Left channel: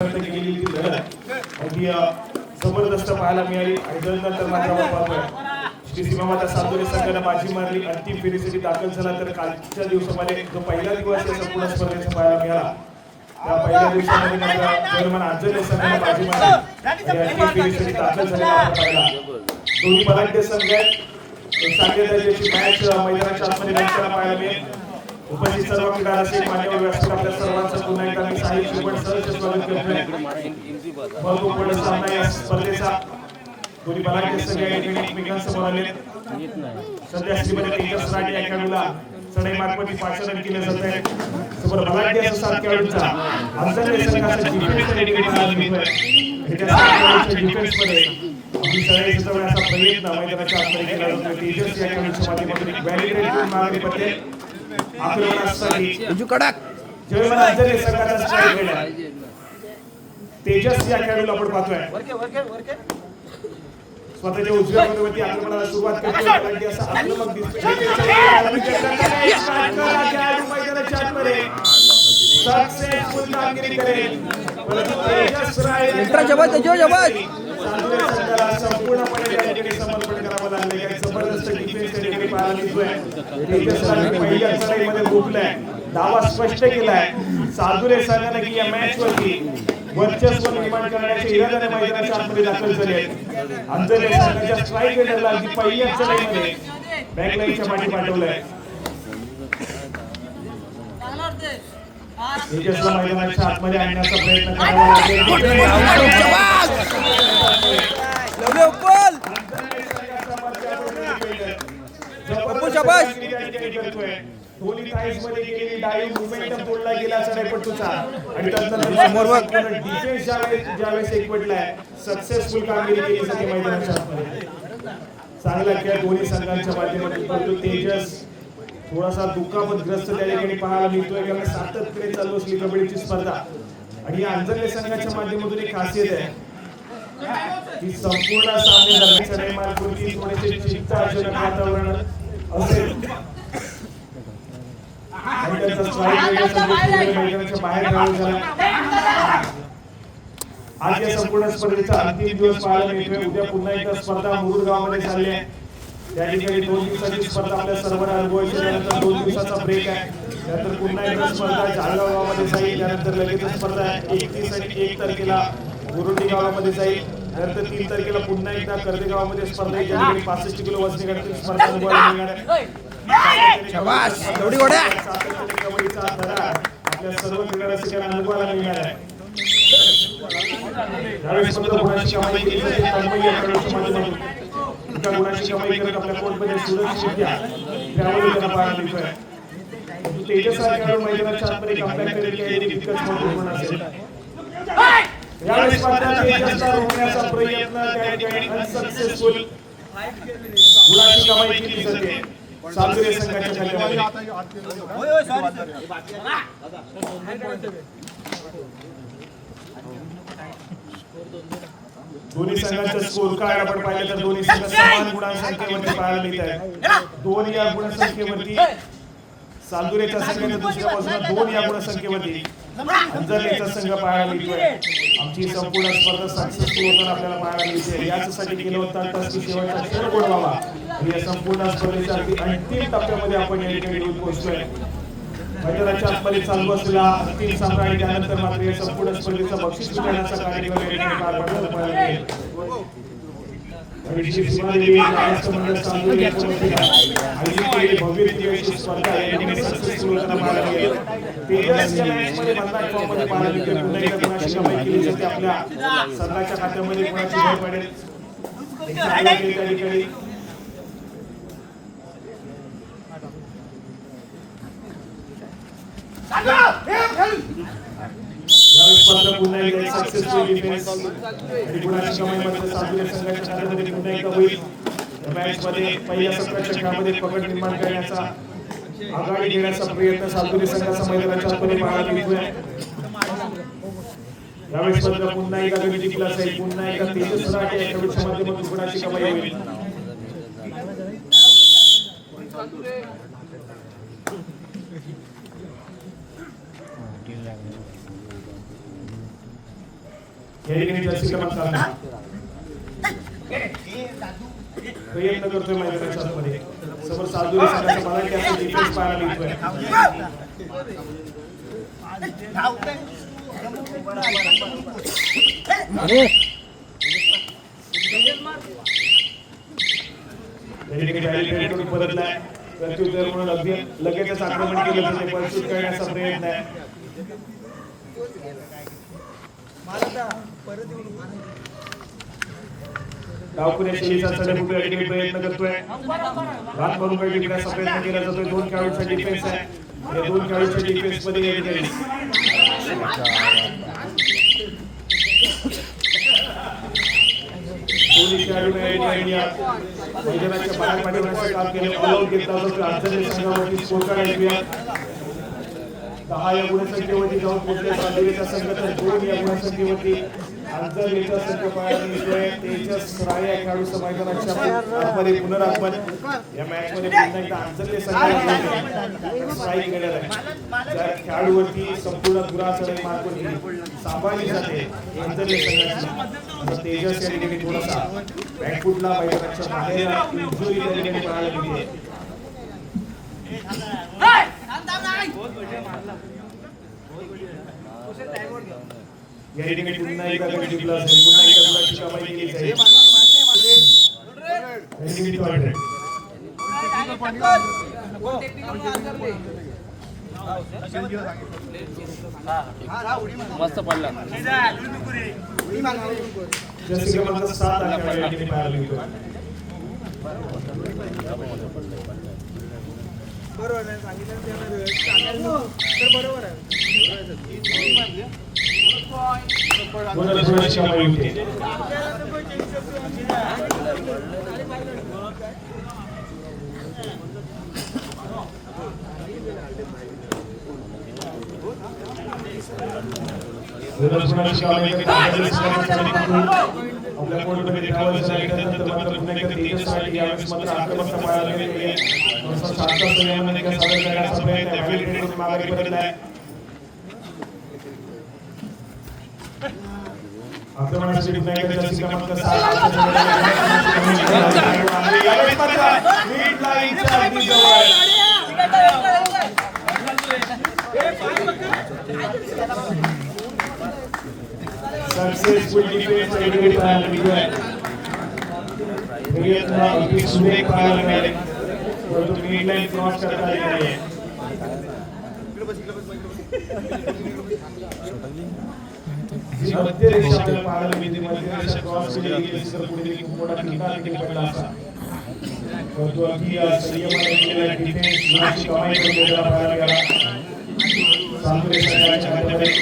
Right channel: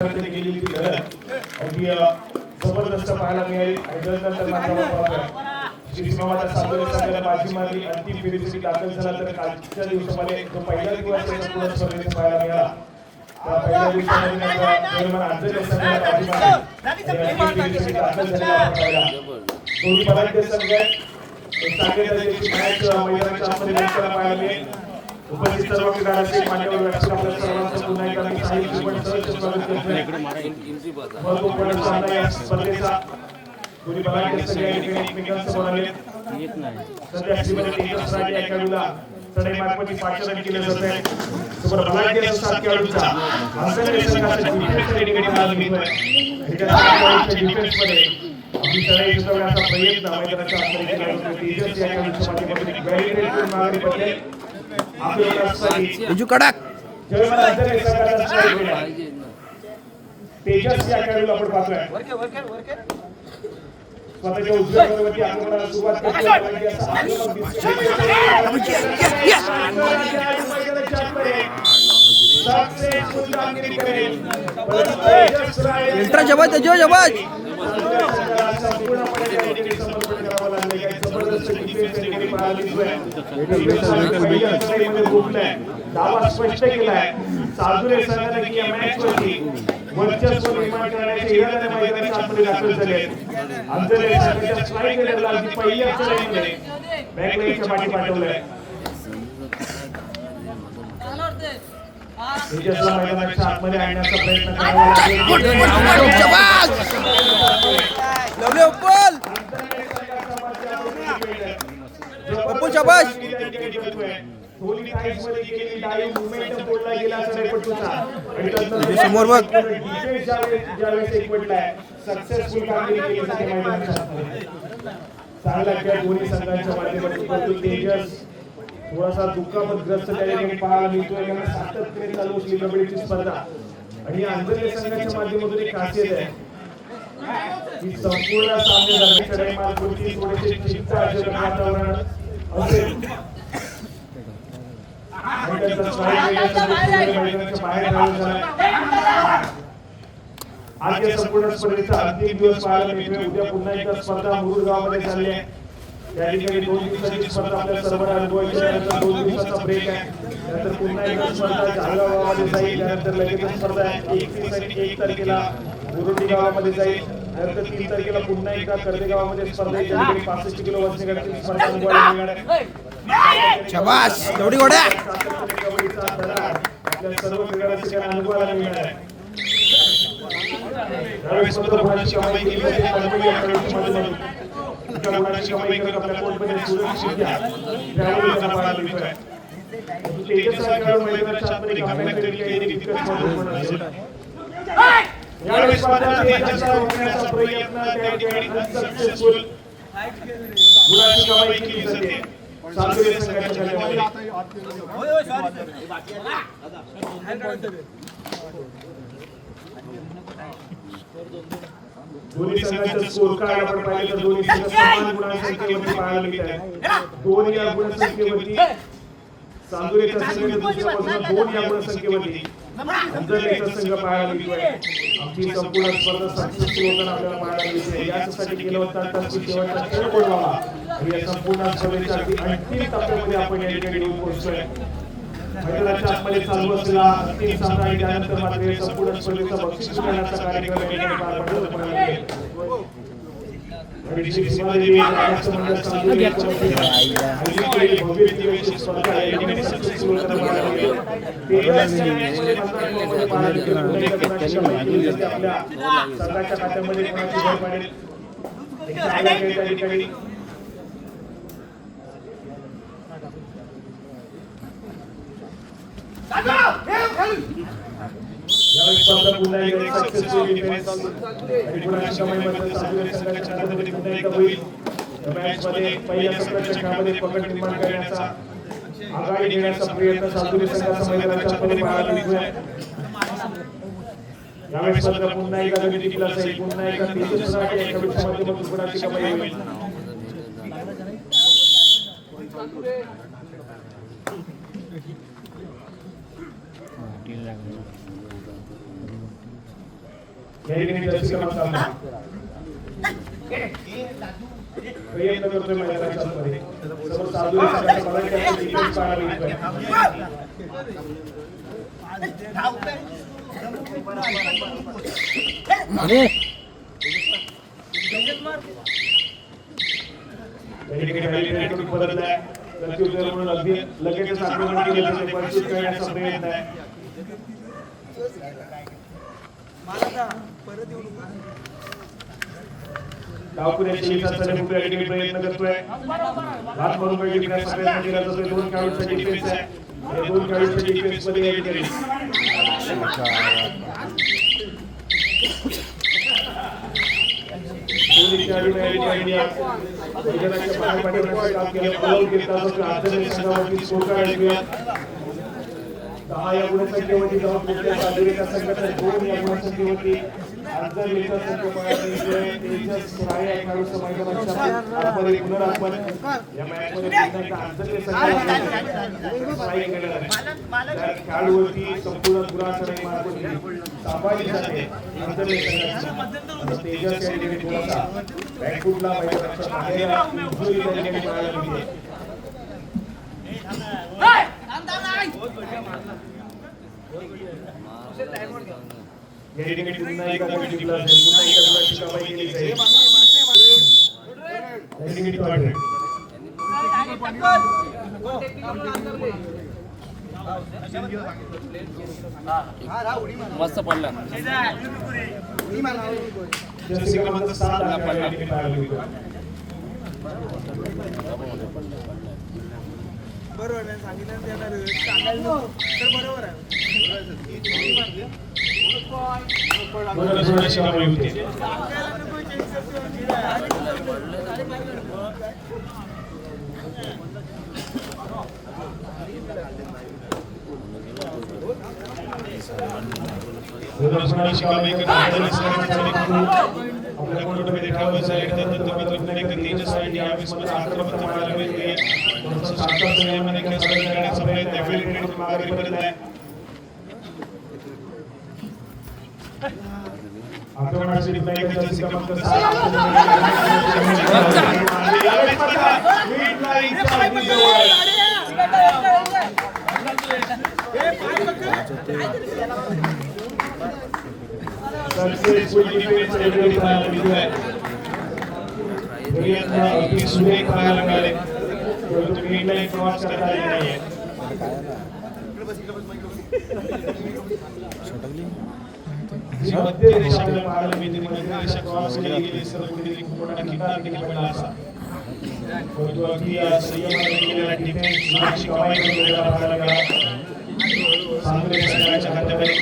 गेली ती लढत अगदी जबरदस्त पाहायला मिळाली आणि श्रीसीमाच्या सामोरे संघाला बाजी मारली. अंतिम फेरीसाठी दाखल झाला. तर कालच्या दिवसामध्ये जो पहिला दिवस संपूर्ण स्पर्धेत पाहायला मिळाला त्या पहिल्या दिवसामध्ये अंजली संघाला बाजी मारली अंतिम फेरीसाठी दाखल झालेला पाहिला. दोन्ही मराठी संघ सांगली दर्जाची मॅच मैदानाच्या आतमध्ये रंगताना पाहायला मिळेल. उपस्थित सर्व क्रीडा रसिक मान्यवर व्यासपीठ आपल्या सर्वांचं पुन्हा एकदा मी साहिल शिवण सहर्ष स्वागत करतोय. भरपूर मोठा सामना या स्पर्धेचा दोन्ही मराठी संघ या ठिकाणी एकमेकांसमोर आलेत. सध्या श्रीमती तेजस राजे या खेळाडूला चढाई मार्फत पाचारण केलं जात आहे. समोर मराठी असतात खेळाडूचा अंजली संघाचा डिफेन्स या ठिकाणी पाहायला मिळतोय. डिफेन्समध्ये ही चढाई सुचवण्याचा प्रयत्न मैदानाच्या आतमध्ये केला जातोय. तेजस या खेळाडूच्या माध्यमातून बॅरिकेड करून मागे पडले. तेजस या खेळाडूला आपण पाहतोय स्वतःच्या उजव्या पदावरती आक्रमणाला सुरुवात करतोय. दावा स्पष्ट केलाय साधुरे संघाने की या मॅच वरती वर्चस्व निर्माण करण्याचे इराद्याने मैदानाच्या आतमध्ये दाखल झाले. अंजली संघाच्या स्ट्राईक रेडरला अगदी पहिल्याच लाईनमध्ये बॅकलाईनच्या पाठी पाठवलंय. तेजसला मैदानाच्या आतमध्ये आणण्याचा प्रयत्न करावा लागेल. होली टाइम्स मध्ये गेली डाई मोमेंटम तोडला गेला सडेपट्टूचा आणि समोर डिफेन्स ज्यावेळेस एकवटलाय सक्सेसफुल कामगिरी केली सगळ्या मैदानाच्या आतमध्ये. चांगला खेळ दोन्ही संघांच्या माध्यमातून परंतु तेजस थोडासा दुःखापतग्रस्त त्या ठिकाणी पाहायला मिळतोय. कारण सातत्याने चालू असली कबड्डीची स्पर्धा आणि अंजली संघाच्या माध्यमातून एक खासियत आहे की संपूर्ण सामने चढाई मार्फत थोडेसे चिंताजनक वातावरण असेल. आज या संपूर्ण स्पर्धेचा अंतिम दिवस पाहायला मिळतोय. उद्या पुन्हा एकदा स्पर्धा मुरुगावमध्ये झाली आहे. त्या ठिकाणी 2 दिवसाची स्पर्धा आपल्या सर्वांना अनुभवायची आहे. नंतर 2 दिवसाचा ब्रेक आहे. नंतर पुन्हा एकदा स्पर्धा झालगावामध्ये जाईल. त्यानंतर लगेच स्पर्धा 31 आणि 1 तारखेला गुरुडी गावामध्ये जाईल. नंतर 3 तारखेला पुन्हा एकदा कर्देगावामध्ये स्पर्धा आहे. 65 किलो वजनी गटातील स्पर्धा अनुभवायला मिळणार आहे. शाबास थोडी गोड्या आपल्या सर्व क्रीडा रसिकांना अनुभवायला मिळणार आहे. यावेळेस मात्र गुणाची कमाई केली जाते. या खेळाची माध्यमातून गुणाची कमाई करत आपल्या कोर्टमध्ये सुरक्षितरित्या खेळाडूंना पाहायला मिळतोय. तेजस हा खेळाडू मैदानाच्या आतमध्ये कमबॅक करेल काही नाही तितकंच महत्त्वपूर्ण असेल. यावेळेस मात्र तेजसला रोखण्याचा प्रयत्न त्या ठिकाणी अनसक्सेसफुल गुणाची कमाई केली जाते. सागरी संघाच्या खेळामध्ये दोन्ही संघाचे स्कोर कार्ड आपण पाहिलं तर दोन्ही संघ समान गुणसंख्येवरती पाहायला मिळत आहे. 2 या गुणसंख्येवरती सागरीच्या संघाच्या दुसऱ्या बाजूला 2 या गुणसंख्येवरती अंजलीचा संघ पाहायला मिळतोय. आमची संपूर्ण स्पर्धा सक्सेसफुल होताना आपल्याला पाहायला मिळते. यासाठी केलं होतं तर शेवटचा खेळ बोलावा आणि या संपूर्ण स्पर्धेच्या अंतिम टप्प्यामध्ये आपण या ठिकाणी पोहोचतोय. मैदानाच्या आतमध्ये चालू असलेला अंतिम सामना आणि त्यानंतर मात्र संपूर्ण स्पर्धेचा बक्षीस मिळण्याचा कार्यक्रम या ठिकाणी पार पडत आहे. आणि श्रीसीमादेवी राष्ट्रमंडळ चालू या स्पर्धेला भव्य दिवशी स्पर्धा या ठिकाणी सक्सेसफुल होताना पाहायला मिळेल. तेजसच्या मॅचमध्ये भारताकडून पाहायला मिळेल. पुन्हा एकदा कोणाची कमाई केली जाते. आपल्या संघाच्या खात्यामध्ये कोणाची भर पडेल त्या ठिकाणी यावेळेस स्पर्धा पुन्हा एकदा सक्सेसफुल डिफेन्स आणि गुणाची कमाईमध्ये सागरी संघाच्या खात्यामध्ये पुन्हा एकदा होईल. मॅचमध्ये पहिल्या सत्राच्या खेळामध्ये पकड निर्माण करण्याचा आघाडी घेण्याचा प्रयत्न सागरी संघाचा मैदानाच्या आतमध्ये पाहायला मिळतोय. यावेळेस स्पर्धा पुन्हा एकदा गती जिंकला जाईल. पुन्हा एकदा तेजस राजे या खेळाडूच्या माध्यमातून गुणाची कमाई होईल. या ठिकाणी जर्सी क्रमांक 6 प्रयत्न करतोय मैदानाच्या मध्ये समोर साधू संघाचा मला त्याचा डिफेन्स पाहायला मिळतोय परत आहे प्रत्युत्तर म्हणून अगदी लगेचच आक्रमण केलं जाते परिचित करण्याचा प्रयत्न आहे बाकुने शेलीचा चढ या ठिकाणी प्रयत्न करतोय रात म्हणून टिकण्याचा प्रयत्न केला जातोय दोन खेळाडूंचा डिफेन्स आहे या दोन खेळाडूंच्या डिफेन्स मध्ये या ठिकाणी दोन्ही खेळाडू या ठिकाणी मैदानाच्या पाठीमागे काम केलं गोल घेतला जातो आजच्या संघावरती स्कोर ऐकूया 10 या गुणसंख्येवरती जाऊन पोहोचल्या साधलेल्या संघाच्या 2 या गुणसंख्येवरती आंतरलेखा संघ पाहिजे तेजस राय या खेळाडूचं मैदानाच्या आतमध्ये पुनरागमन या मॅचमध्ये पुन्हा एकदा आंतरले संघ स्ट्राईक केलेला आहे त्या खेळाडूवरती संपूर्ण दुराचार मार्ग सांभाळली जाते आंतरले संघाची तेजस या ठिकाणी थोडासा बॅकफुटला मैदानाच्या बाहेर इंजुरी त्या ठिकाणी पाहायला मिळते या ठिकाणी पुन्हा एकदा टीमला असेल पुन्हा एकदा शिकाबाई केली जाईल या ठिकाणी पार्टनर मस्त पडला जर्सी क्रमांक 7 आहे या ठिकाणी पाहायला मिळतोय बरोबर आहे सांगितलं ते बरोबर आहे थोडं शिकाबाई होते आपल्या कोणत्या ठिकाणावर सांगितलं तर मात्र पुन्हा एकदा तेजससाठी या वेळेस आक्रमक पाहायला मिळते सातव्या संयमाने काही सादर करण्याचा प्रयत्न ॲफिलिएटेड मागे करत आहे आक्रमणासाठी पुन्हा एकदा जर्सी क्रमांक 7 सक्सेसफुल डिफेन्स या ठिकाणी पाहायला मिळतोय प्रयत्न अगदी सुरेख पाहायला मिळाले परंतु मीडलाईन क्रॉस करता आले नाही मध्य रेषा पाहायला मिळते मध्य रेषा क्रॉस केली गेली सर कुठेतरी मोठा ठिकाण तिकडे पडला असा परंतु अगदी संयमाने केलेला डिफेन्स गुणाची कमाई करून दिलेला पाहायला मिळाला चांगले संघाच्या खात्यामध्ये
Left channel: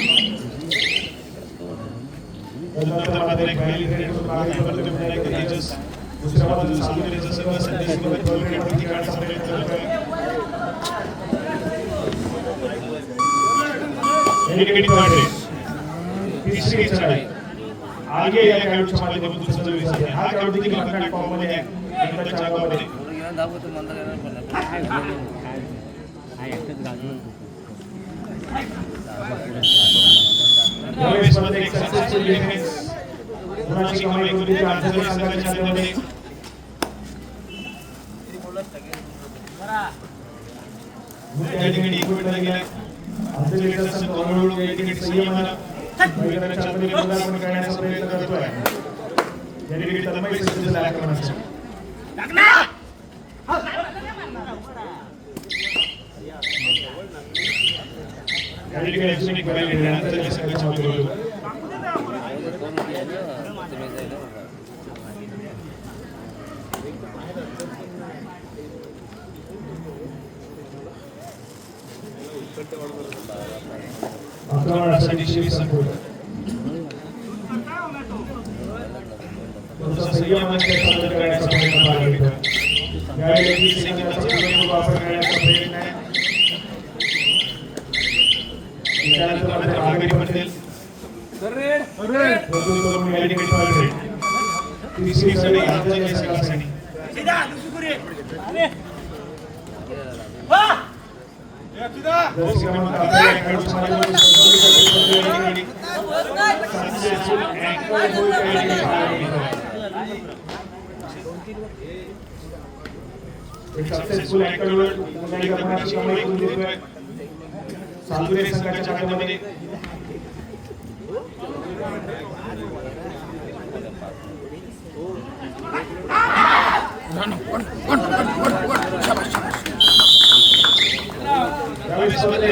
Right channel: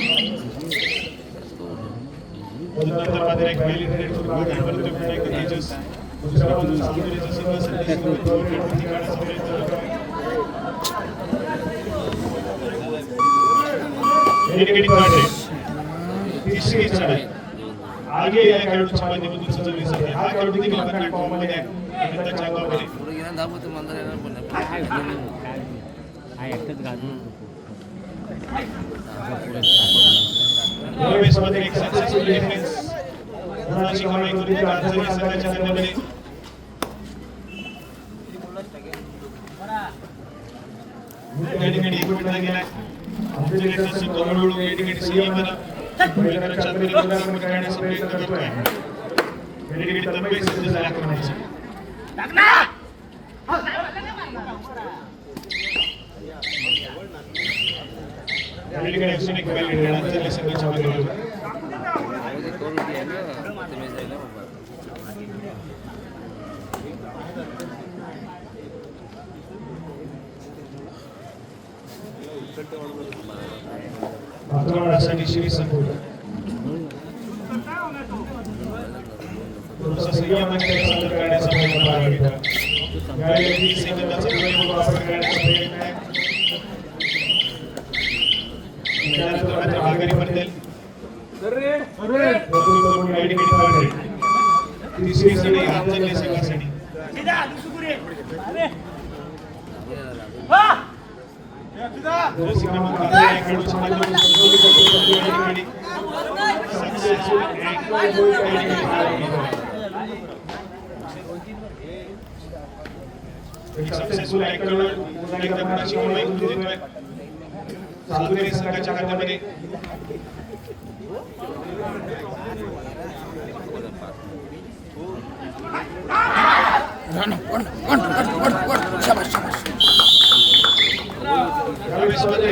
नंतर मात्र एक रॅली करेल मागे बदलून पुन्हा एकदा तेजस दुसऱ्या बाजूला सामनेचा सर्व संदेश ठिकाणचा प्रयत्न करतोय एडिकेटिंग पार्टी तिसरी चढाई आगे या खेळाडूच्या माध्यमातून सुद्धा विसरते हा खेळाडू देखील बघा फॉर्म मध्ये आहे एकदा चालवामध्ये यावेळेस मध्ये एक सक्सेसफुल डिफेन्स गुणाची कमाई करून दिली आंतरिक संघाच्या खात्यामध्ये या ठिकाणी इक्विपमेंट लागले आंतरिक संघ हळूहळू या ठिकाणी संयमानं मैदानाच्या आतमध्ये पुनरागमन करण्याचा प्रयत्न करतोय या ठिकाणी तन्मय सिद्ध झाला आक्रमणाचा या ठिकाणी अजून एक बैल आंतरिक संघाच्या माध्यमातून आक्रमणासाठी श्री संकुल थोडासा संयमाने सादर करण्याचा प्रयत्न पाहायला मिळतो यावेळी सेकंदाचा विलंब वापर करण्याचा प्रयत्न आहे त्यानंतर मात्र आघाडी पडतील तिसरी सगळी आंतरिक संघासाठी सक्सेसफुल अँकर गोल त्या ठिकाणी पाहायला मिळतोय. सक्सेसफुल अँकर गोल पुन्हा एकदा मनाची कमाई करून देतोय सागुरे संघाच्या खात्यामध्ये.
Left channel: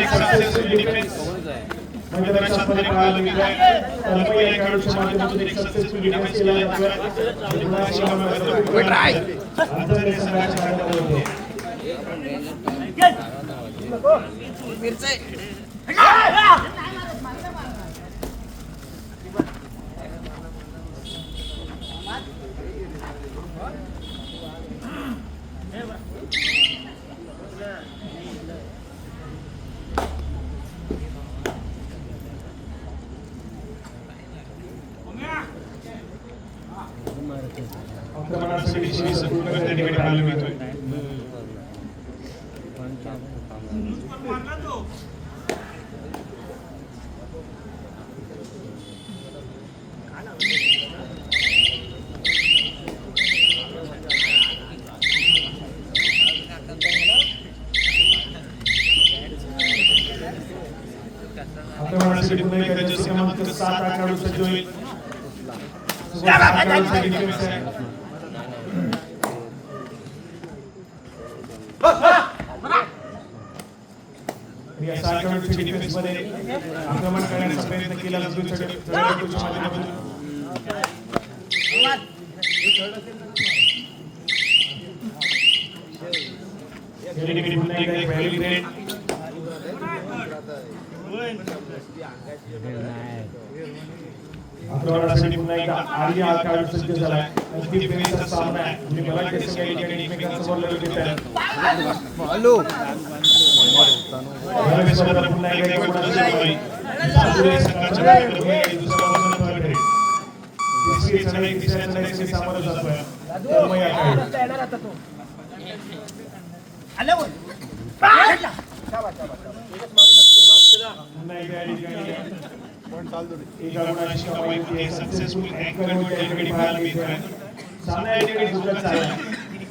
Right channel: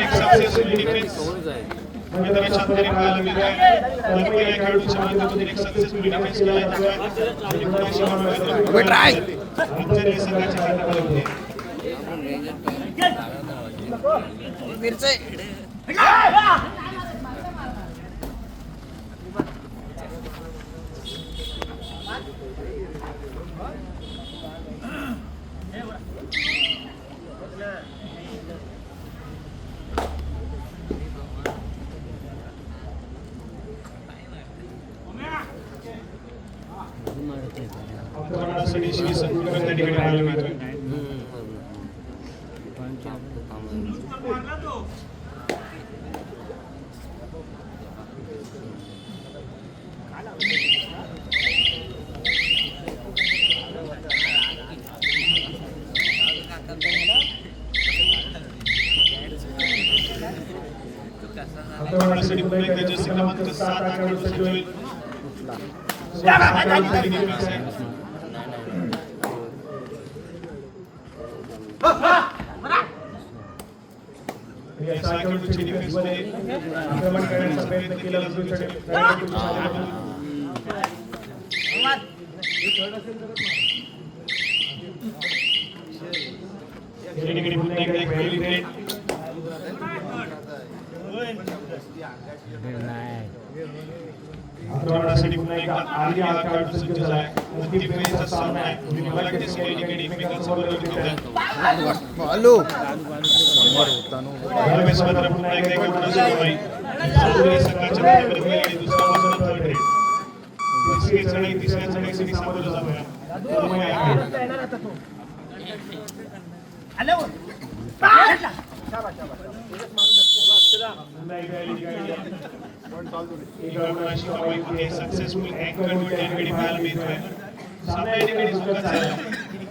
सक्सेसफुल डिफेन्स मैदानाच्या आतमध्ये पाहायला मिळतोय. कल्पना या खेळाडूच्या माध्यमातून एक सक्सेसफुल डिफेन्स केला जातोय. आंतरराष्ट्रीय संघाच्या खात्यामध्ये होते. आक्रमणासाठी श्री संकुलकर त्या ठिकाणी पाहायला मिळतोय. आक्रमणासाठी पुन्हा एकदा जर्सी क्रमांक 7 हा खेळाडू सज्ज होईल. या 6 खेळाडूंच्या डिफेन्समध्ये आक्रमण करण्याचा प्रयत्न केला जातो. खेळाडूच्या माध्यमातून या ठिकाणी पुन्हा एकदा एक पहिली थ्रेड. आक्रमणासाठी पुन्हा एकदा आर्या हा खेळाडू सज्ज झालाय. अंतिम फेरीचा सामना आहे. मराठी संघ या ठिकाणी एकमेकांसमोर लढत आहे. पुन्हा एकदा एक गुणाची कमाई सागुरे संघाच्या खात्यामध्ये दुसरा वजन पकडे. तिसरी चढाई तिसऱ्या चढाईसाठी सामोरं जातोय. पुन्हा एकदा गुणाची कमाई होते. सक्सेसफुल अँकर गोल त्या ठिकाणी पाहायला मिळतोय. सामना या ठिकाणी जोरात झाला.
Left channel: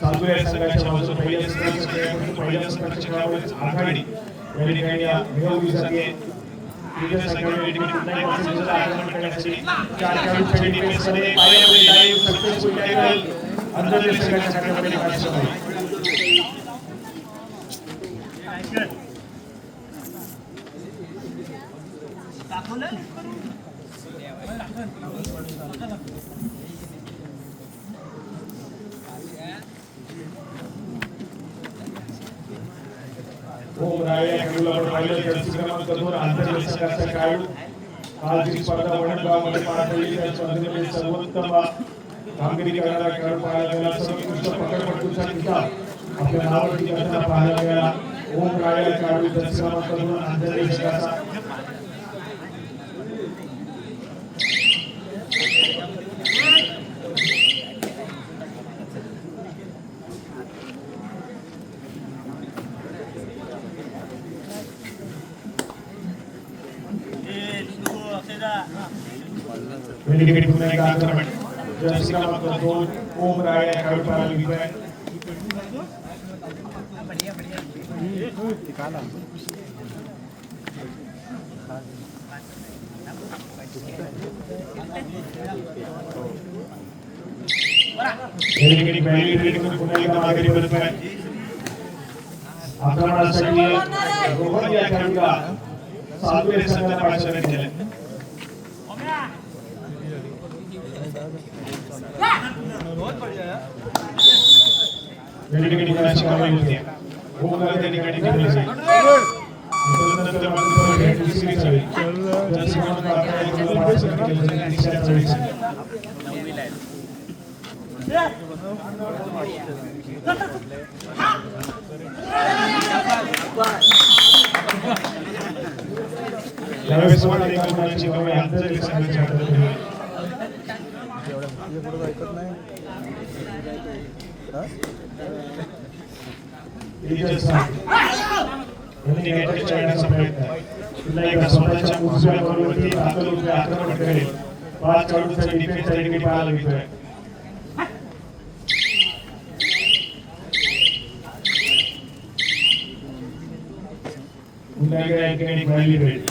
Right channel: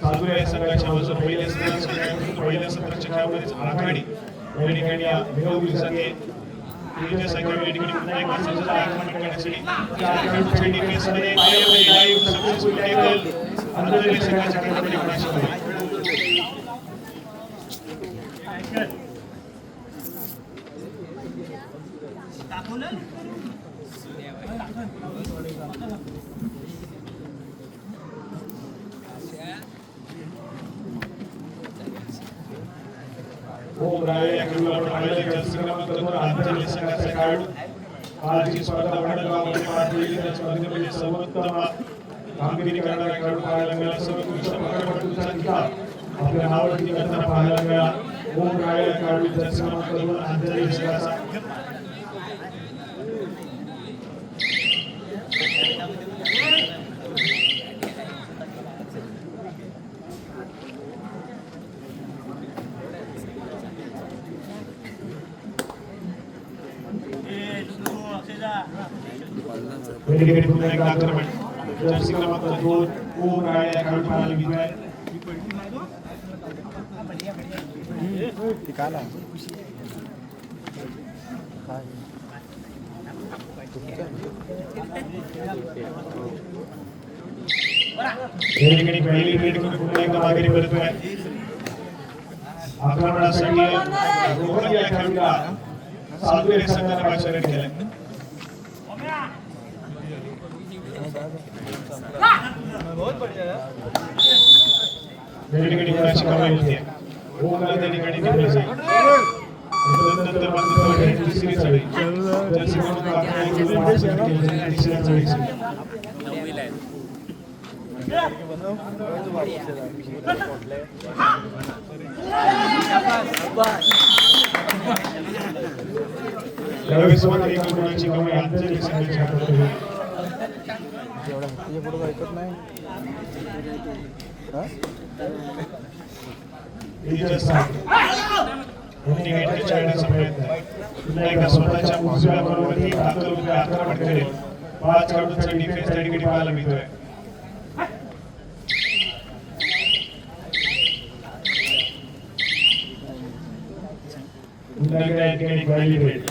सागुरे संघाच्या बाजूने पहिल्या संघाच्या खेळामध्ये आघाडी या ठिकाणी मिळवली जाते. विविध संघाच्या ठिकाणी पुन्हा एकदा सज्ज आक्रमण करण्यासाठी 4 खेळाडूंच्या डिफेन्समध्ये लाईव्ह सक्सेसफुल टॅकल. आंतरराष्ट्रीय संघाच्या खात्यामध्ये गुणाची कमाई. या खेळाडूला पाहिलं जर्सी क्रमांक 2 आंतरराष्ट्रीय संघाचा खेळाडू. आज ही स्पर्धा वडगावमध्ये पार पडली. त्या स्पर्धेमध्ये सर्वोत्तम कामगिरी करणारा खेळाडू पाहायला मिळाला. सर्वोत्कृष्ट पकडपटूचा निकाल आपल्या नावावरती करताना पाहायला मिळाला. ओम राळे या खेळाडू जर्सी क्रमांक 2 आंतरराष्ट्रीय संघाचा. वेगवेगळे पुन्हा एक आक्रमण जर्सी क्रमांक 2 ओम राय या खेळाडू पाहायला मिळतोय. वेगवेगळे पहिली रेड करून पुन्हा एकदा माघारी परतोय. आक्रमणासाठी रोहन या खेळाडूला सागुरे संघाला पाचारण केलंय. ठिकाणी गुणाची कमाई होते. ओमला त्या ठिकाणी डिफेन्स आहे. त्यानंतर मात्र दुसरी चढाई जर्सी क्रमांक 11 या खेळाडूला पाचारण केलं. तिसऱ्या चढाईसाठी यावेळेस एक गुणाची कमाई आंतरराष्ट्रीय संघाच्या हातात होईल. ऐकत नाही. पुन्हा एकदा स्वतःच्या उजव्या बरोबर आक्रमण करेल. 5 खेळाडूंसाठी डिफेन्स या ठिकाणी पाहायला मिळतोय. पुन्हा एकदा या ठिकाणी खेळली भेट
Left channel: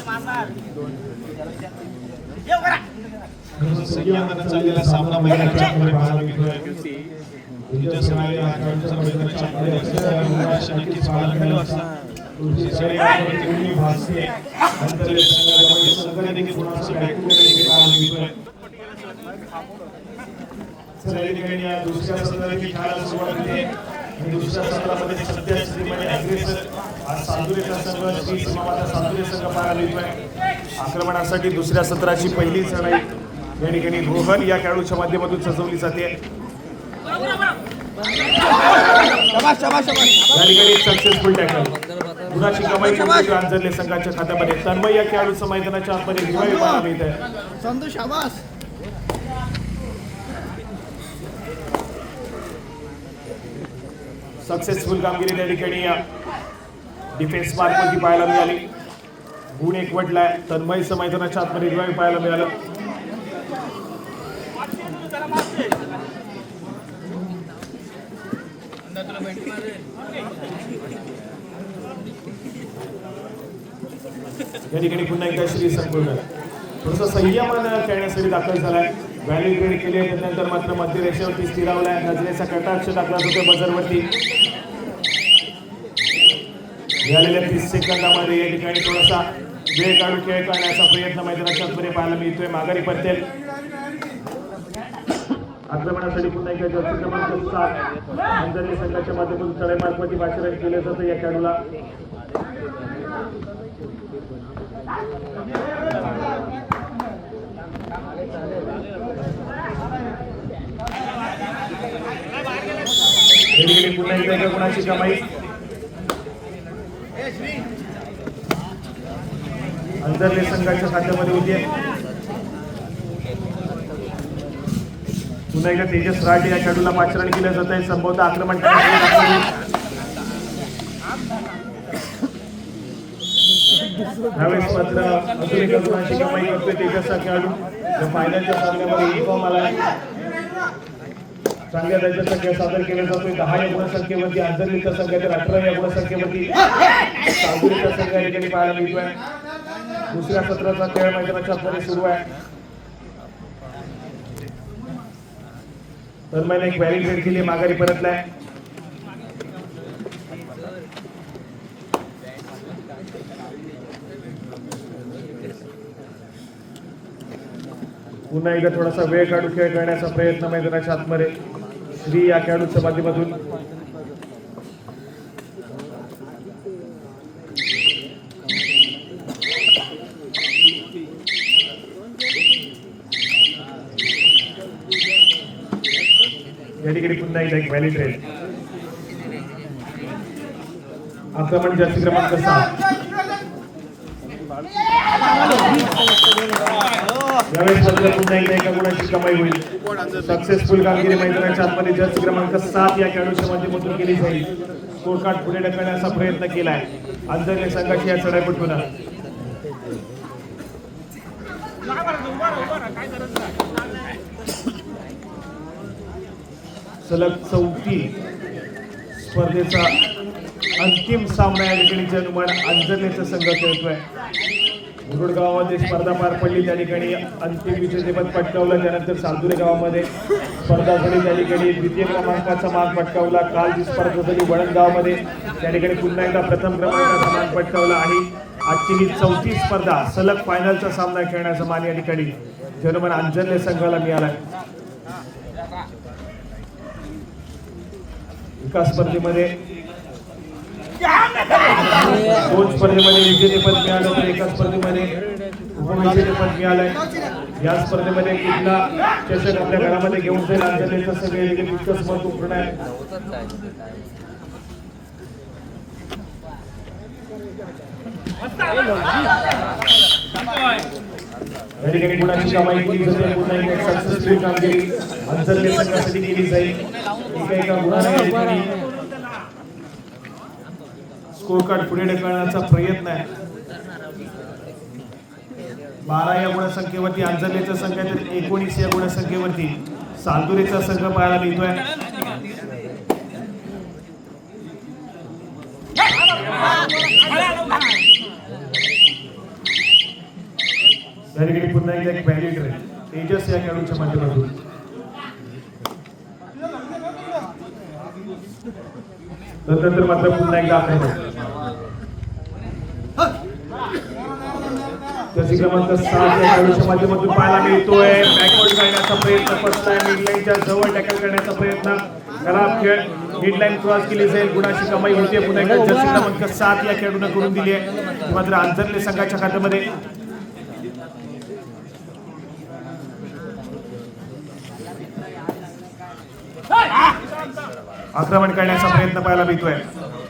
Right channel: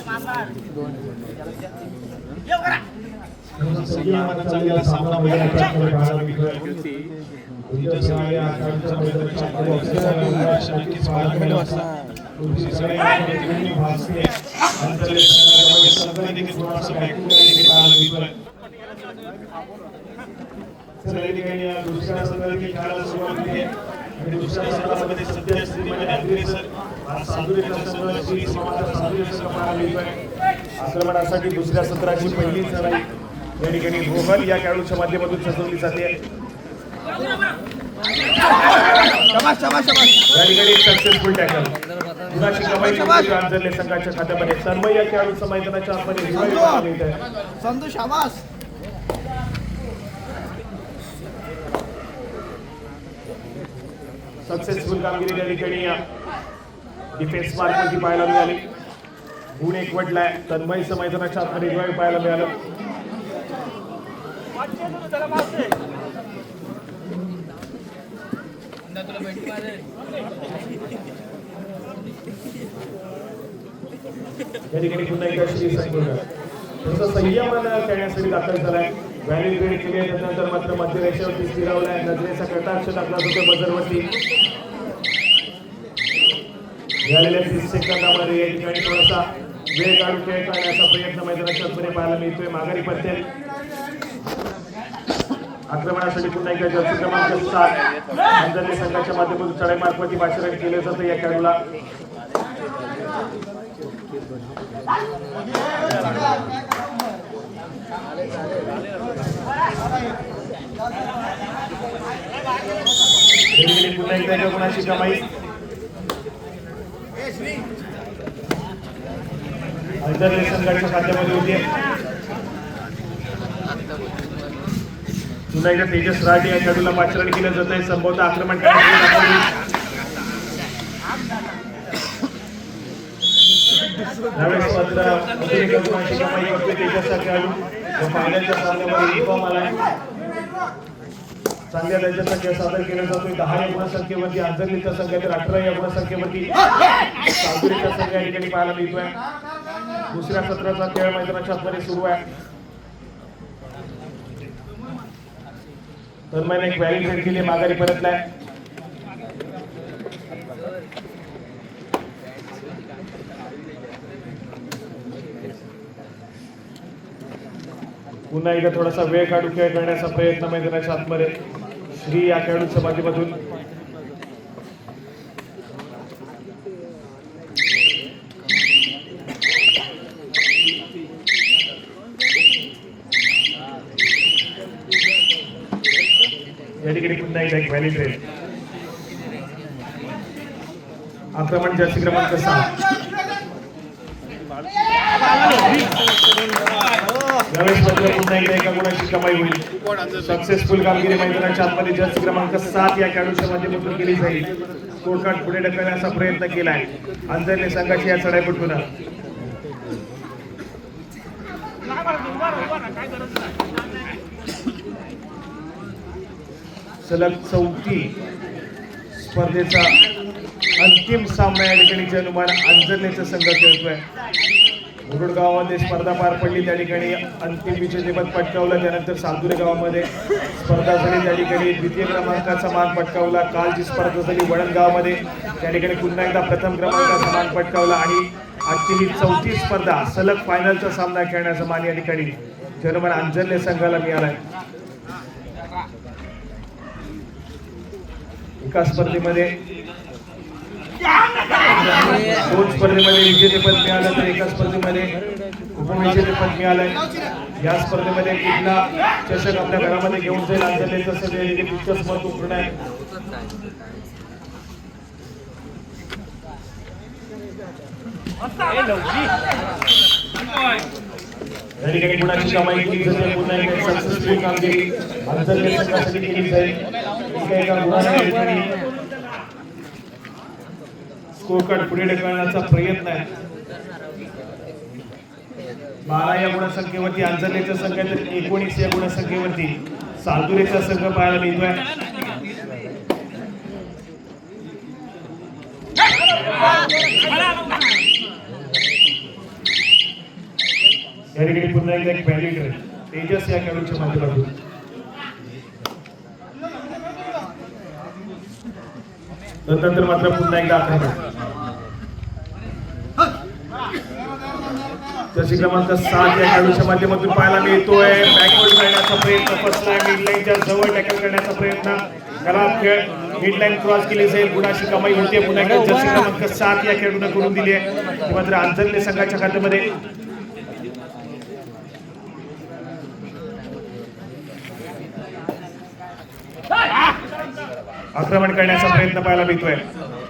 संघीयांमध्ये चाललेला सामना मैदानामध्ये पाहायला मिळतोय. तुमच्या सगळ्या खेळाडूंच्या मैदानाच्या आकडे असं नक्कीच पाहायला मिळत असतात. तुमची सगळ्या प्रतिनिधी भासते अंतर्गत संघाला संघादेखील थोडासा बॅकवर्ड पाहायला मिळतोय. दुसऱ्या सत्राची खेळायला सुरुवात केली आणि दुसऱ्या सत्रामध्ये सध्यास्थितीमध्ये अग्रेसर सादुरेचा संघ श्री समाजा सादुरे संघ पाहायला मिळतोय. आक्रमणासाठी दुसऱ्या सत्राची पहिली लढाई या ठिकाणी रोहन या खेळाडूच्या माध्यमातून सजवली जाते. या ठिकाणी सक्सेसफुल टॅकल गुणाची कमाई अंजरले संघाच्या खात्यामध्ये. तन्मय या खेळाडूचं मैदानाच्या आतमध्ये रिवाईव्ह पाहायला मिळतंय. संतोष शाबास सक्सेसफुल कामगिरी त्या ठिकाणी डिफेन्स मार्कवरती पाहायला मिळाली. गुण एक वडलाय. तन्मयचं मैदानाच्या आतमध्ये रिवाईव्ह पाहायला मिळालं. या ठिकाणी पुन्हा एकदा श्री संघ थोडंसं संयमन खेळण्यासाठी दाखल झालाय. व्हॅलिड ग्रेड केले त्यानंतर मात्र मध्यरेषेवरती स्थिरावलाय. नजरेचा कटाक्ष टाकला होता बजरवरती. मिळालेल्या 30 सेकंदामध्ये या ठिकाणी थोडासा वेळ काढून खेळ काढण्याचा प्रयत्न मैदानाच्या आतमध्ये पाहायला मिळतोय. माघारी परतेल आक्रमणासाठी पुन्हा एकदा जर्सी क्रमांक 7 अंजरले संघाच्या माध्यमातून चढाई मार्फती पाचारण केलं जातं या खेळाडूला. पुन्हा एकदा गुणाची कमाई अंजरले संघाच्या खात्यामध्ये होती. पुन्हा एकदा तेजस राठी या खेळाडूला पाचारण केलं जात आहे. संभवत आक्रमण यावेळेस मात्र गुणाची कमाई करतोय तेजस हा खेळाडू. फायनलच्या सामन्यामध्ये इन्फॉर्म आलाय. चांगल्या दर्जाचा खेळ सादर केला जातोय. 10 या गुणसंख्येवरती अंजरलीचा संघ तर 18 या गुणसंख्येवरती सादुरीचा संघ या ठिकाणी पाहायला मिळतोय. दुसऱ्या सत्राचा खेळ मैदानाच्या आतमध्ये सुरू आहे. तन्मयने एक व्हॅलिड ग्रेड केली. माघारी परतलाय. पुन्हा एकदा थोडासा वेळ काढून खेळ करण्याचा प्रयत्न मैदानाच्या आतमध्ये श्री या खेळाडूच्या माध्यमातून. या ठिकाणी पुन्हा एकदा एक व्हॅलिड ग्रेड. आक्रमण जर्सी क्रमांक 7 कमाई होईल. सक्सेसफुल कामगिरी मैदानाच्या आतमध्ये जर्सी क्रमांक 7 या खेळाडूच्या माध्यमातून केली जाईल. स्कोर कार्ड पुढे ढकलण्याचा प्रयत्न केलाय अंजरले संघाची या चढाईपटून. सलग 4थी स्पर्धेचा अंतिम सामना या ठिकाणी जनुमान अंजरलेचा संघ खेळतोय. मुरुड गावामध्ये स्पर्धा पार पडली. त्या ठिकाणी अंतिम विजेतेपद पटकावलं. त्यानंतर सादुरे गावामध्ये स्पर्धा झाली. त्या ठिकाणी द्वितीय क्रमांकाचा मान पटकावला. काल जी स्पर्धा झाली वडण गावामध्ये त्या ठिकाणी पुन्हा एकदा प्रथम क्रमांकाचा मान पटकावला. आणि आजची ही 4थी स्पर्धा सलग फायनलचा सामना खेळण्याचा मान या ठिकाणी जनुमान अंजरले संघाला मिळालाय. एका स्पर्धेमध्ये 2 स्पर्धेमध्ये विजेतेपद मिळालं तर एका स्पर्धेमध्ये उपविजेतेपद मिळालंय. या स्पर्धेमध्ये कुठला चषक आपल्या घरामध्ये घेऊन जाईल अंजरलेचं सगळे तितकंच महत्वपूर्ण आहे. या ठिकाणी गुणाची कमाई केली जाते. पुन्हा एकदा सक्सेसफुल कामगिरी अंजरले संघासाठी केली जाईल. एका गुणाने या ठिकाणी स्कोर कार्ड पुढे ढकलण्याचा प्रयत्न आहे. 12 या गुणसंख्येवरती अंजनेचा संघ तर 19 या गुणसंख्येवरती सालतुरेचा संघ पाहायला मिळतोय. या ठिकाणी पुन्हा एकदा एक बॅलेट तेजस या खेळाडूच्या माध्यमातून नंतर मात्र पुन्हा एकदा आक्रमण जर्सी क्रमांक 7 या खेळाडूच्या माध्यमातून पाहायला मिळतोय. बॅकवर्ड करण्याचा प्रयत्न कसलाय, मिडलाईनच्या जवळ टॅकल करण्याचा प्रयत्न खराब खेळ, मिडलाईन क्रॉस केली जाईल, गुणाची कमाई होते. पुन्हा एकदा जर्सी क्रमांक 7 या खेळाडूने करून दिली आहे. मात्र अंजनले संघाच्या खात्यामध्ये आक्रमण करण्याचा प्रयत्न पाहायला मिळतोय.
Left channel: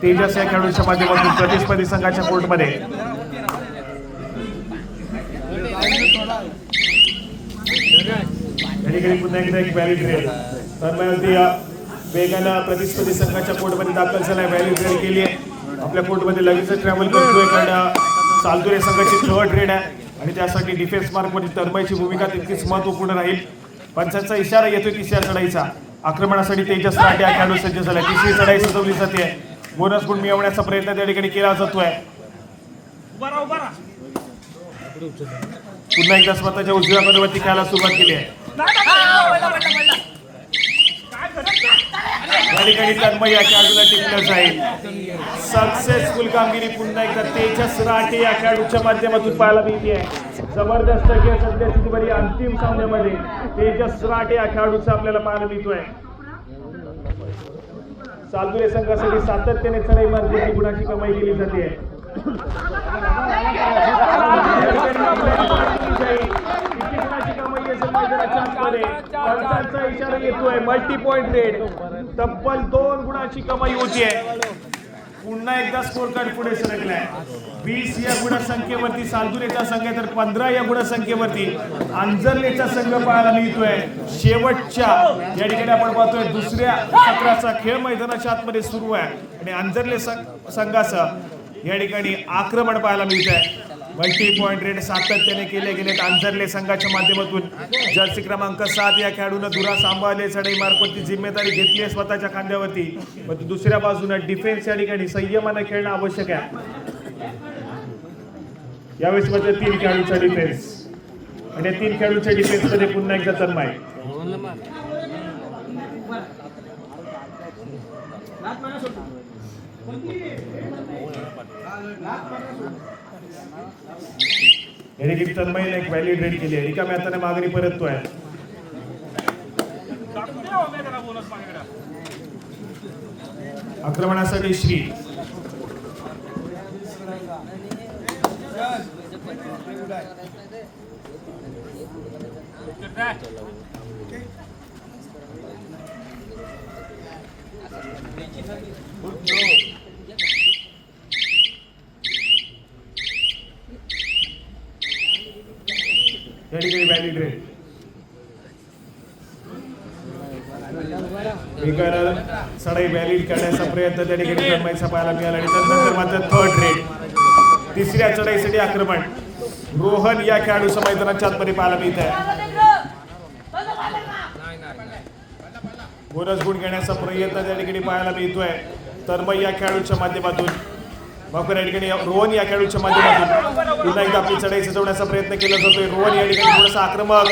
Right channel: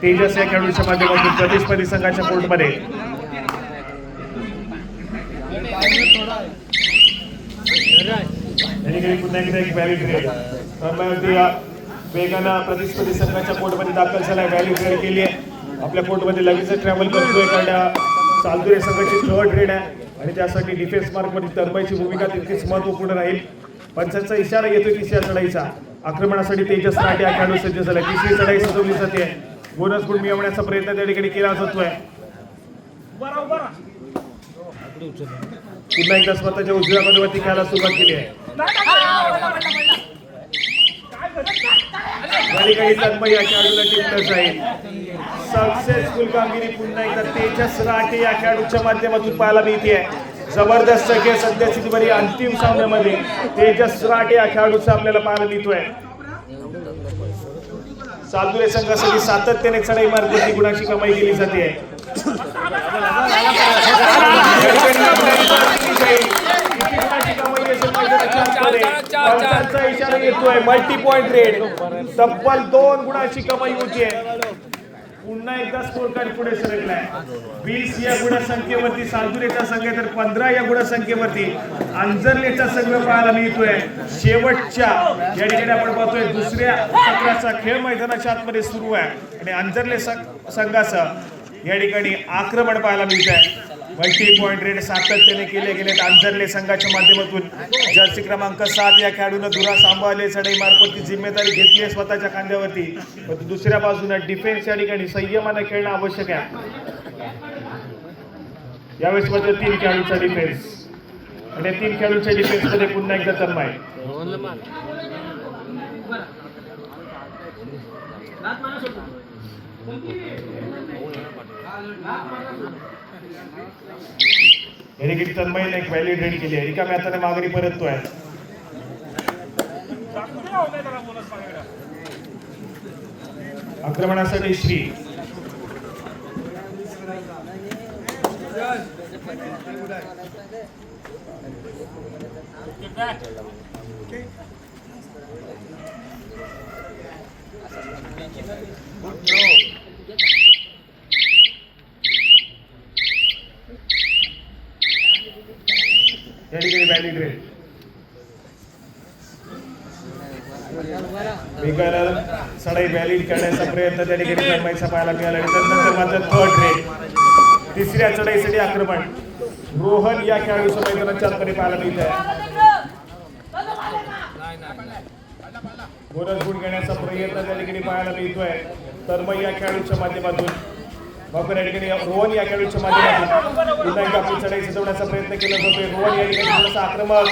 तेजस या खेळाडूच्या माध्यमातून प्रतिस्पर्धी संघाच्या कोर्टमध्ये पुन्हा एकदा एक व्हॅल्यू ट्रेड वेगानं प्रतिस्पर्धी संघाच्या कोर्टमध्ये दाखल झाला. व्हॅल्यू ट्रेड केली आहे. आपल्या कोर्टमध्ये लगेच ट्रॅव्हल करतोय. सालतुरे संघाची थर्ड ट्रेड आहे आणि त्यासाठी डिफेन्स मार्कमध्ये तरबाईची भूमिका तितकीच महत्वपूर्ण राहील. पंचांचा इशारा येतोय तिसऱ्या चढाईचा. आक्रमणासाठी तेजस राठे खेळाडू सज्ज झाला. तिसरी चढाई सजवली जाते. बोनस गुण मिळवण्याचा प्रयत्न त्या ठिकाणी केला जातोय. पुन्हा एकदा स्वतःच्या उजव्या बाजूवरती खेळायला सुरुवात केली आहे. या ठिकाणी तन्मय या खेळाडूला टिकटच आहे. सक्सेसफुल कामगिरी पुन्हा एकदा तेजस राठे या खेळाडूच्या माध्यमातून पाहायला मिळते. जबरदस्त खेळ सध्यास्थितीमध्ये अंतिम सामन्यामध्ये तेजस राठे या खेळाडूचा आपल्याला पाहायला मिळतोय. सालतुरे संघासाठी सातत्याने चढाई मार्गाची गुणाची कमाई केली जाते. इशारा येतोय. मल्टी पॉइंट रेड तब्बल 2 गुणाची कमाई होतीये. पुन्हा एकदा स्कोर कार्ड पुढे सरकलाय. 20 या गुणसंख्येवरती सालतुरेचा संघ तर 15 या गुणसंख्येवरती अंजनेचा संघ पाहायला मिळतोय. शेवटच्या या ठिकाणी आपण पाहतोय दुसऱ्या सत्राचा खेळ मैदानाच्या आतमध्ये सुरू आहे आणि अंजने संघाचं या ठिकाणी आक्रमण पाहायला मिळत आहे. मल्टी पॉइंट रेड सातत्याने केले गेलेत अंजने संघाच्या माध्यमातून. जर्सी क्रमांक 7 या खेळाडूनं धुरा सांभाळले. चढाई मार्फतची जिम्मेदारी घेतली आहे स्वतःच्या खांद्यावरती. पण दुसऱ्या बाजूने डिफेन्स या ठिकाणी संयमानं खेळणं आवश्यक आहे. यावेळेस मात्र 3 खेळाडूचा डिफेन्स आणि 3 खेळाडूच्या डिफेन्स मध्ये पुन्हा एकदा तन्मय. तन्मयने एक व्हॅल्यू रेड केली आहे. रिकाम्या हाताने मागणी परततोय. आक्रमणासाठी श्री या ठिकाणी व्हॅल्यू रेड वेगाला चढाई व्हॅलिड करण्याचा प्रयत्न त्या ठिकाणी तन्मयचा पाहायला मिळाला आणि त्यानंतर मात्र थर्ड रेड तिसऱ्या चढाईसाठी आक्रमण रोहन या खेळाडूचं मैदानाच्या आतमध्ये पाहायला मिळत आहे. बोनस गुण घेण्याचा प्रयत्न त्या ठिकाणी पाहायला मिळतोय. तन्मय या खेळाडूच्या माध्यमातून बाकर या ठिकाणी रोहन या खेळाडूच्या माध्यमातून पुन्हा एकदा आपली चढाई सजवण्याचा प्रयत्न केला जातोय. रोहन या ठिकाणी थोडासा आक्रमक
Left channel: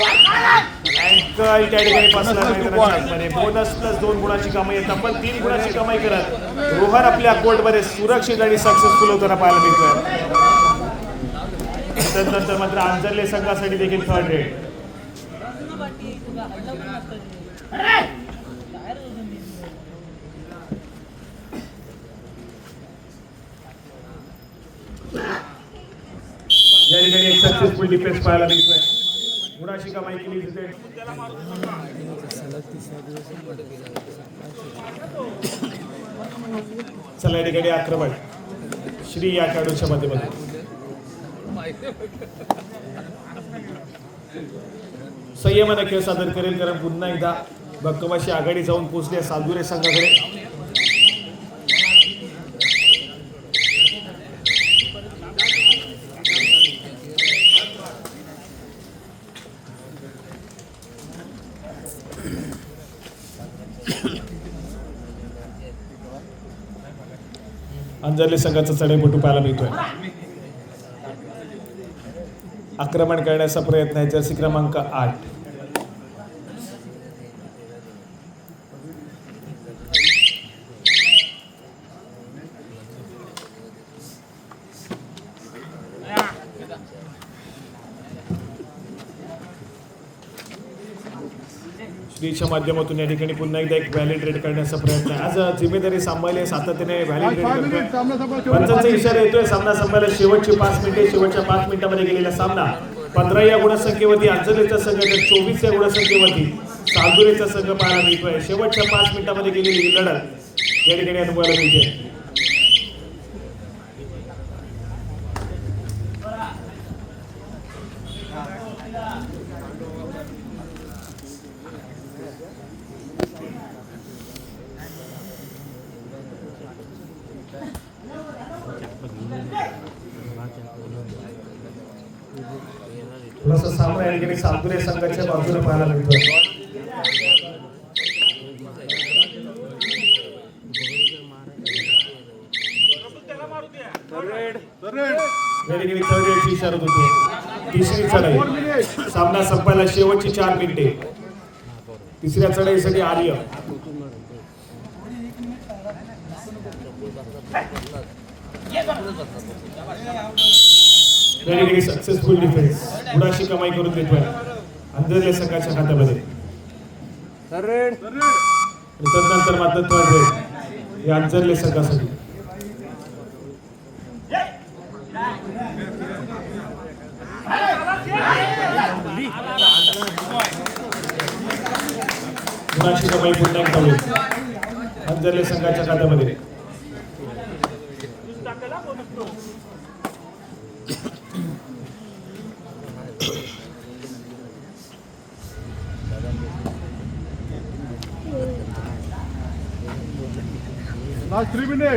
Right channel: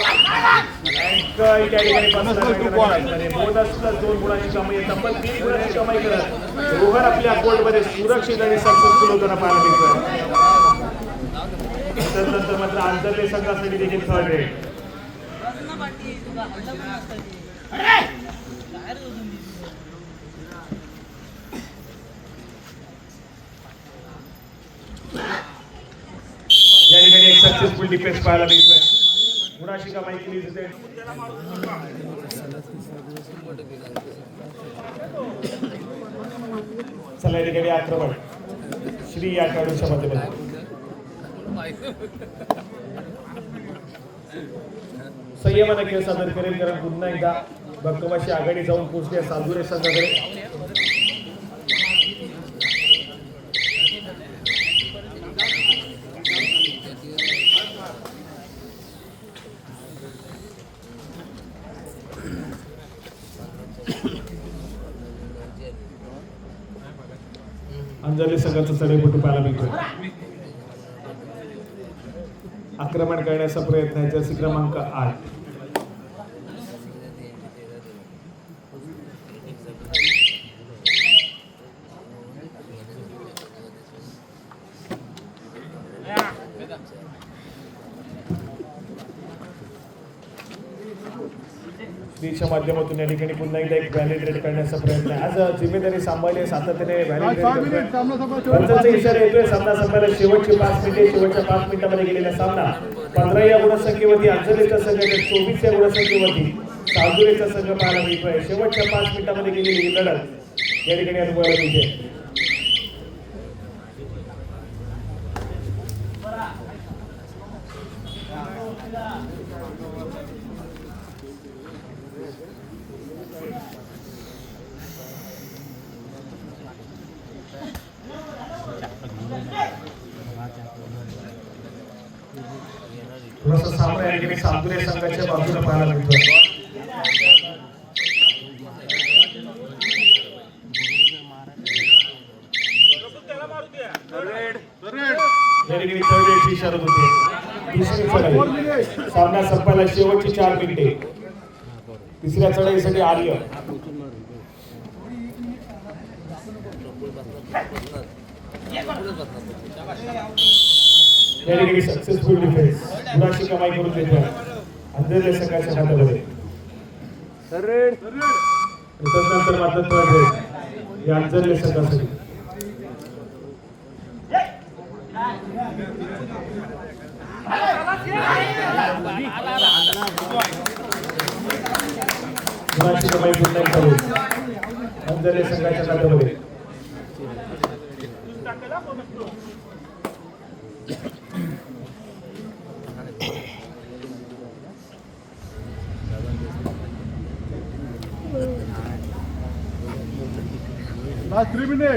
अँकल त्या ठिकाणी बोनस प्लस 2 गुणाची कमाई येतात पण 3 गुणाची कमाई करत रोहन आपल्या कोर्टमध्ये सुरक्षित आणि सक्सेसफुल होताना पाहायला मिळतोय. त्यानंतर मात्र अंजने संघासाठी देखील थर्ड रेड या ठिकाणी एक सक्सेसफुल डिफेन्स पाहायला मिळतोय. गुणाची कमाई केली जाते. चला या ठिकाणी आक्रमण श्री या खेळाडूच्या माध्यमातून संयमानं खेळ सादर करेल कारण पुन्हा एकदा भक्कमाशी आघाडी जाऊन पोहोचले सालतुरे संघाकडे. अंजली संघाचा चढाईपटू पाहायला मिळतोय. आक्रमण करण्याचा प्रयत्न आहे जर्सी क्रमांक 8. श्रीच्या माध्यमातून या ठिकाणी पुन्हा एकदा एक व्हॅलिडेट करण्याचा प्रयत्न आहे. आज जिम्मेदारी सांभाळली सातत्याने व्हॅलिडेट इशारा येतोय. सामना संपायला शेवटची 5 मिनिटे. शेवटच्या 5 मिनिटांमध्ये गेलेला सामना 15 या गुणसंख्येवरती अंजलीचा संघ, 24 या गुणसंख्येवरती सालदुरेचा संघ पाहायला मिळतोय. शेवटच्या 5 मिनिटांमध्ये गेलेली ही लढत या ठिकाणी अनुभवायला मिळते. थोडासा सामना या ठिकाणी सालदुरे संघाच्या बाजूने पाहायला मिळतो. या ठिकाणी थोडी इशारा होती. तिसरी चढाई. सामना संपायला शेवटची 4 मिनिटे. तिसऱ्या चढाईसाठी आर्य. या ठिकाणी सक्सेसफुल डिफेन्स. गुणाची कमाई करून देतोय अंधेरले संघाच्या खात्यामध्ये. तदनंतर मदत या अंधेरले संघासाठी. गुणाची कमाई पुन्हा एकदा होईल अंधेरले संघाच्या खात्यामध्ये.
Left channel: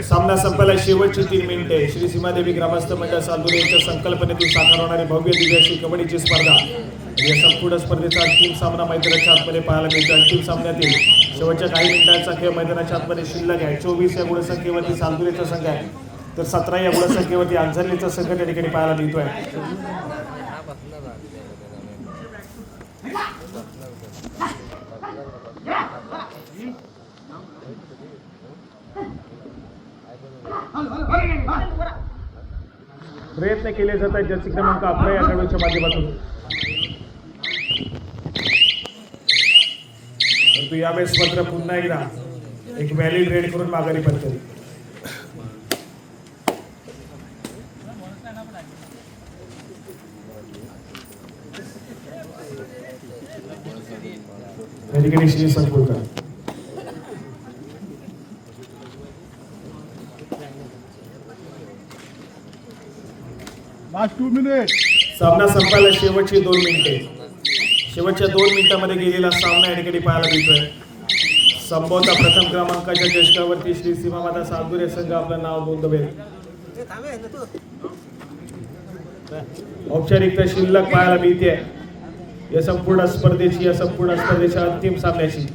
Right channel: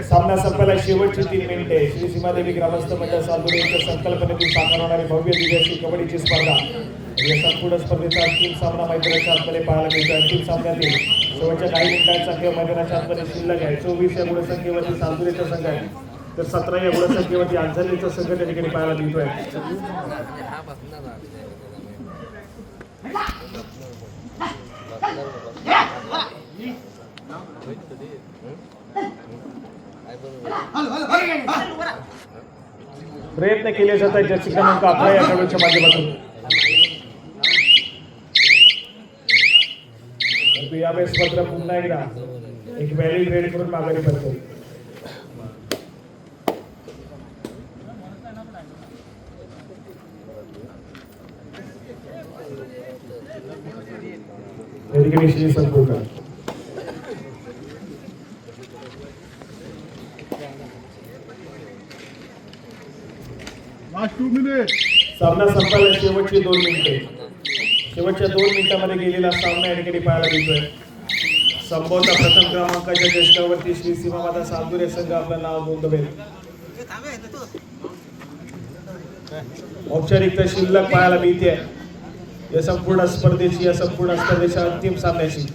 सामना संपायला शेवटची 3 मिनिटे. श्री सीमादेवी ग्रामस्थ मंडळ सालदुरे यांच्या संकल्पनेतून साकार होणारी भव्य दिव्य अशी कबड्डीची स्पर्धा. या संपूर्ण स्पर्धेचा अंतिम सामना मैदानाच्या आतमध्ये पाहायला मिळतो. अंतिम सामन्यातील शेवटच्या काही मिनिटांचा खेळ मैदानाच्या आतमध्ये शिल्लक आहे. 24 या गुणसंख्येवरती सालदुरेचा संघ आहे, तर 17 या गुणसंख्येवरती अंजलीचा संघ त्या ठिकाणी पाहायला मिळतोय. प्रयत्न केले जात आहेत जर्सी क्रमांक 11 या खेळाडूच्या माध्यमातून. परंतु यावेळेस मात्र पुन्हा एकदा एक व्हॅलिड रेड करून माघारी पडतो. या ठिकाणी श्री संपूर्ण सामना संपायला शेवटची 2 मिनिटे. शेवटच्या 2 मिनिटांमध्ये गेलेला सामना या ठिकाणी पाहायला मिळतोय. संभवता प्रथम क्रमांकाच्या चषकावरती श्री सीमामाता सालदुरे संघ आपलं नाव नोंदवेल. औपचारिकता शिल्लक पाहायला मिळते या संपूर्ण स्पर्धेच्या अंतिम सामन्याची.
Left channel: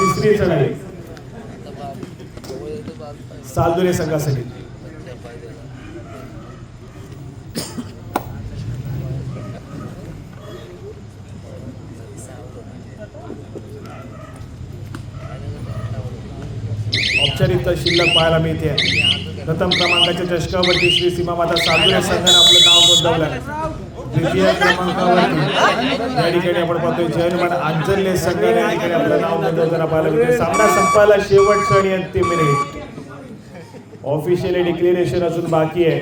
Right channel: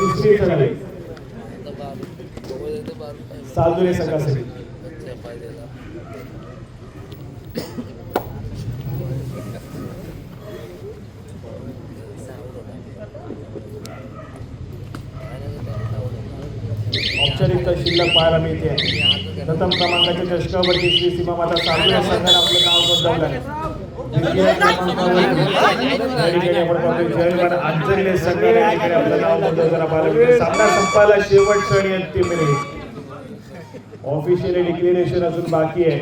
तिसरी चढाई सालदुरे संघासाठी. औपचारिकता शिल्लक पाहायला मिळते. प्रथम क्रमांकाच्या चषकावरती श्री सीमामाता सालदुरे संघाने आपलं नाव नोंदवलं. द्वितीय क्रमांकावर या ठिकाणी आपण पाहतोय जयमान अंजली संघाने या ठिकाणी आपलं नाव नोंदवताना पाहायला मिळते. सामना संपायला शेवटची आणि अंतिम मिनिट. ऑफिशियली डिक्लेरेशन अजून बाकी आहे,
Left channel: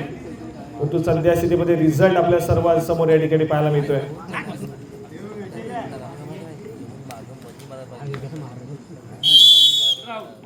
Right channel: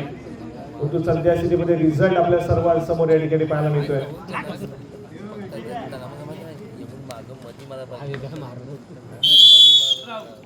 परंतु सध्या स्थितीमध्ये रिझल्ट आपल्या सर्वांसमोर या ठिकाणी पाहायला मिळतोय.